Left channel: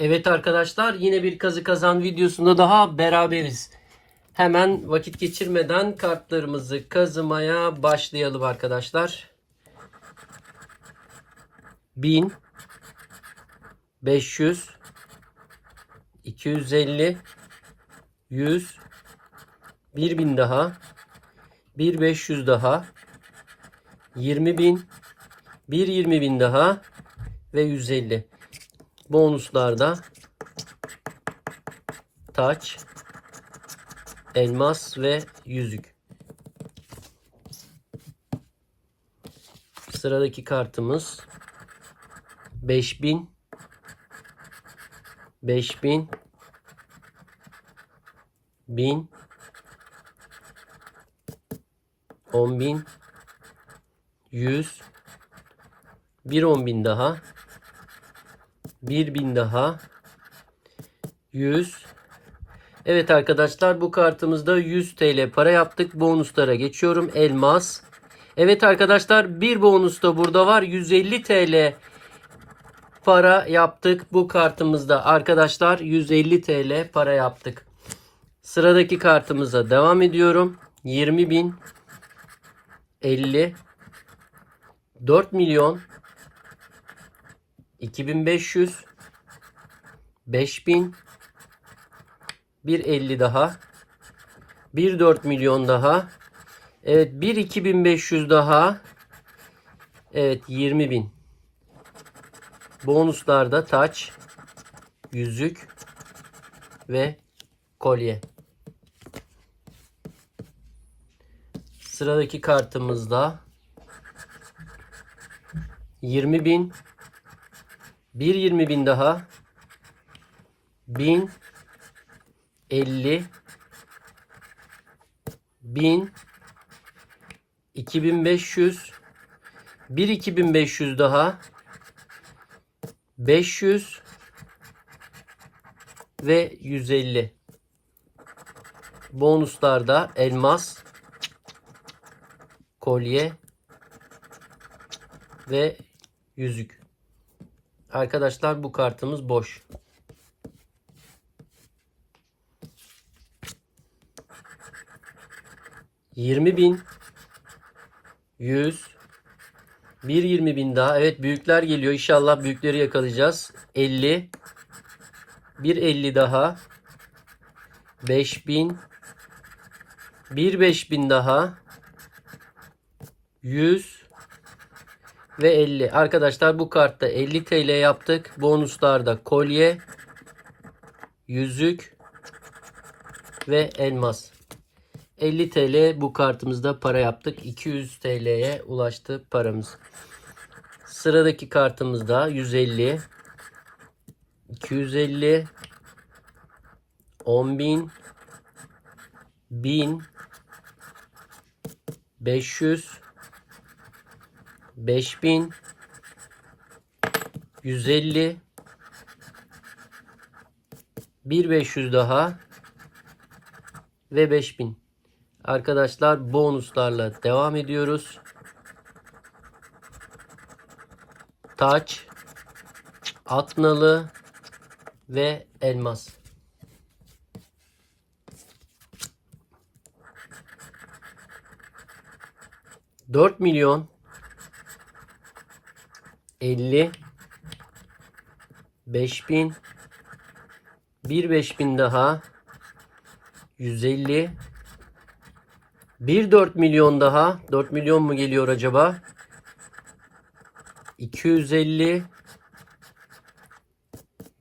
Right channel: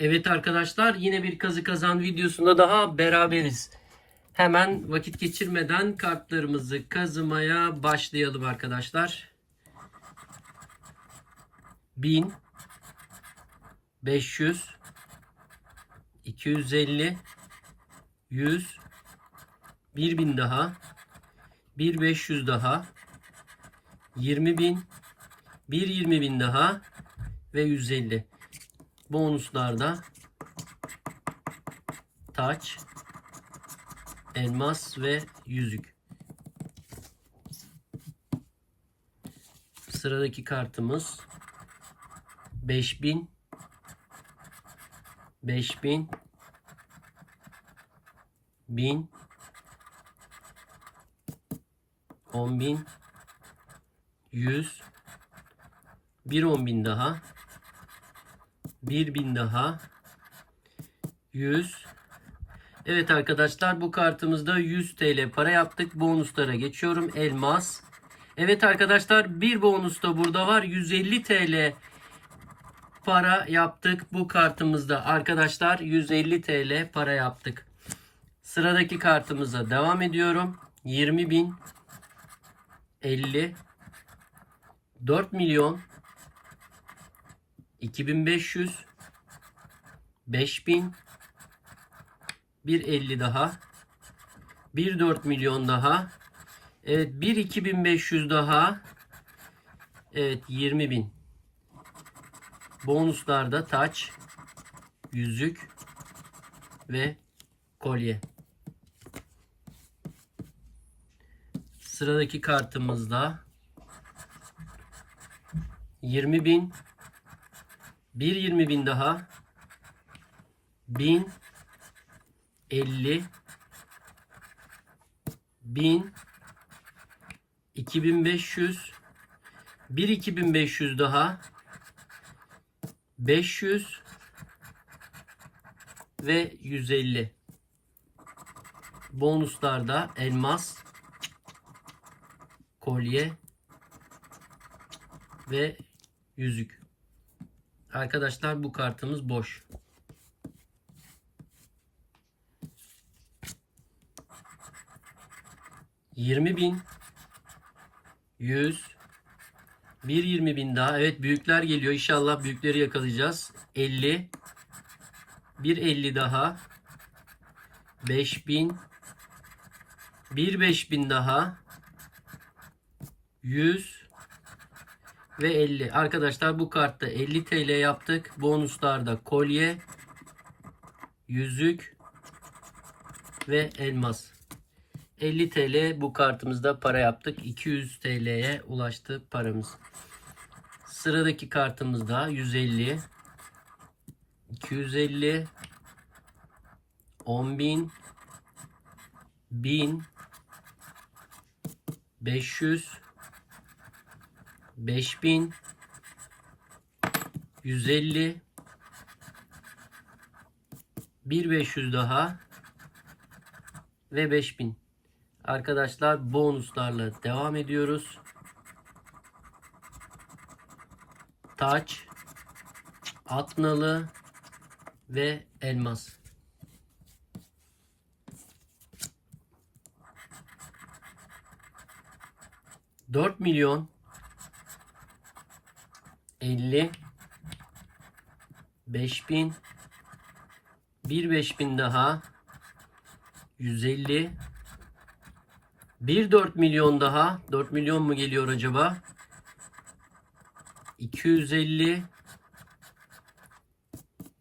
Evet arkadaşlar yine bir kazı kazan videosunda daha beraberiz. Hemen vakit geçirmeden kartlarımızı kazımaya başlayalım arkadaşlar. 1000 500 250 100 1000 daha 1500 daha 20000 1 daha ve 150 bonuslarda taç, elmas ve yüzük. Sıradaki kartımız 5000 5000 1000 10000 100 bir 10.000 daha 1000 daha 100 Evet arkadaşlar bu kartımızda 100 TL para yaptık. Bonuslara geçiyorum. Elmas. Evet arkadaşlar bir bonus da burada var. 150 TL para yaptık bu kartımızda. Arkadaşlar 150 TL para yaptık. Sıradaki kartımıza devam ediyorum. 20.000 50 4 milyon 2500 5000 1.50 daha 1.4 milyon daha Evet 1 2500 daha Evet 20.000 Bonuslarda taç yüzük ve kolye. Sıradaki kartımızda 20.000 bir 20 bin daha. 1000 50 1000 2500 bir 2500 daha. 500 ve 150 bonuslarda elmas kolye ve yüzük Arkadaşlar bu kartımız boş. Yirmi bin. Yüz. Bir yirmi bin daha. Evet büyükler geliyor. İnşallah büyükleri yakalayacağız. Elli. Bir elli daha. Beş bin. Bir beş bin daha. Yüz ve 50. Arkadaşlar bu kartta 50 TL yaptık. Bonuslarda kolye, yüzük ve elmas. 50 TL bu kartımızda para yaptık. 200 TL'ye ulaştı paramız. Sıradaki kartımızda 150 250 10.000 1000 500 5000 150 1500 daha ve 5000 arkadaşlar bonuslarla devam ediyoruz. Taç atnalı ve elmas. Dört milyon 50 5000 bir 5000 daha 150 bir 4 milyon daha 4 milyon mu geliyor acaba? 250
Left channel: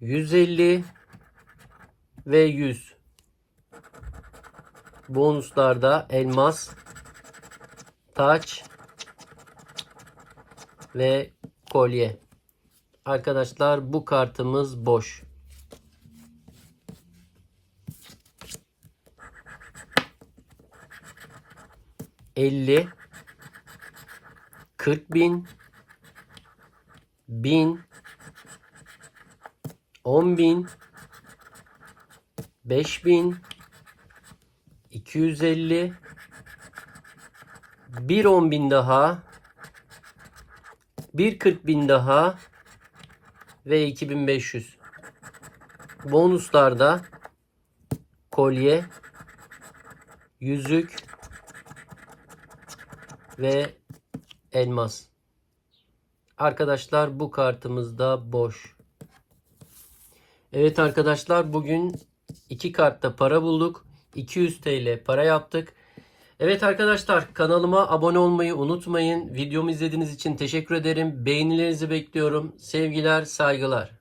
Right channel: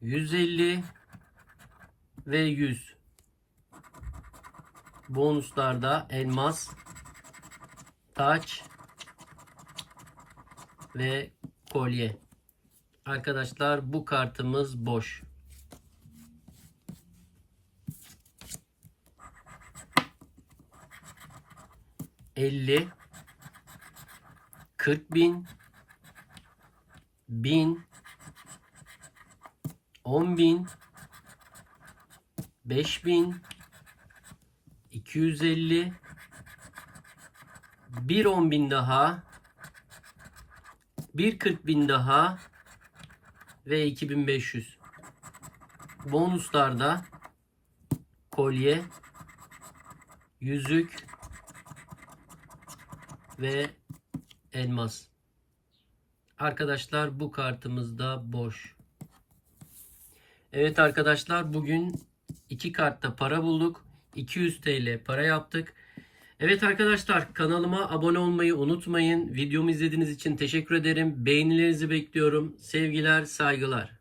150 ve 100 bonuslarda elmas taç ve kolye. Arkadaşlar bu kartımız boş. Elli, kırk bin, bin, on bin, beş bin, iki yüz elli, bir on bin daha, bir kırk bin daha ve 2500. Bonuslarda kolye, yüzük ve elmas. Arkadaşlar bu kartımız da boş. Evet arkadaşlar bugün iki kartta para bulduk. 200 TL para yaptık. Evet arkadaşlar kanalıma abone olmayı unutmayın. Videomu izlediğiniz için teşekkür ederim. Beğenilerinizi bekliyorum. Sevgiler, saygılar.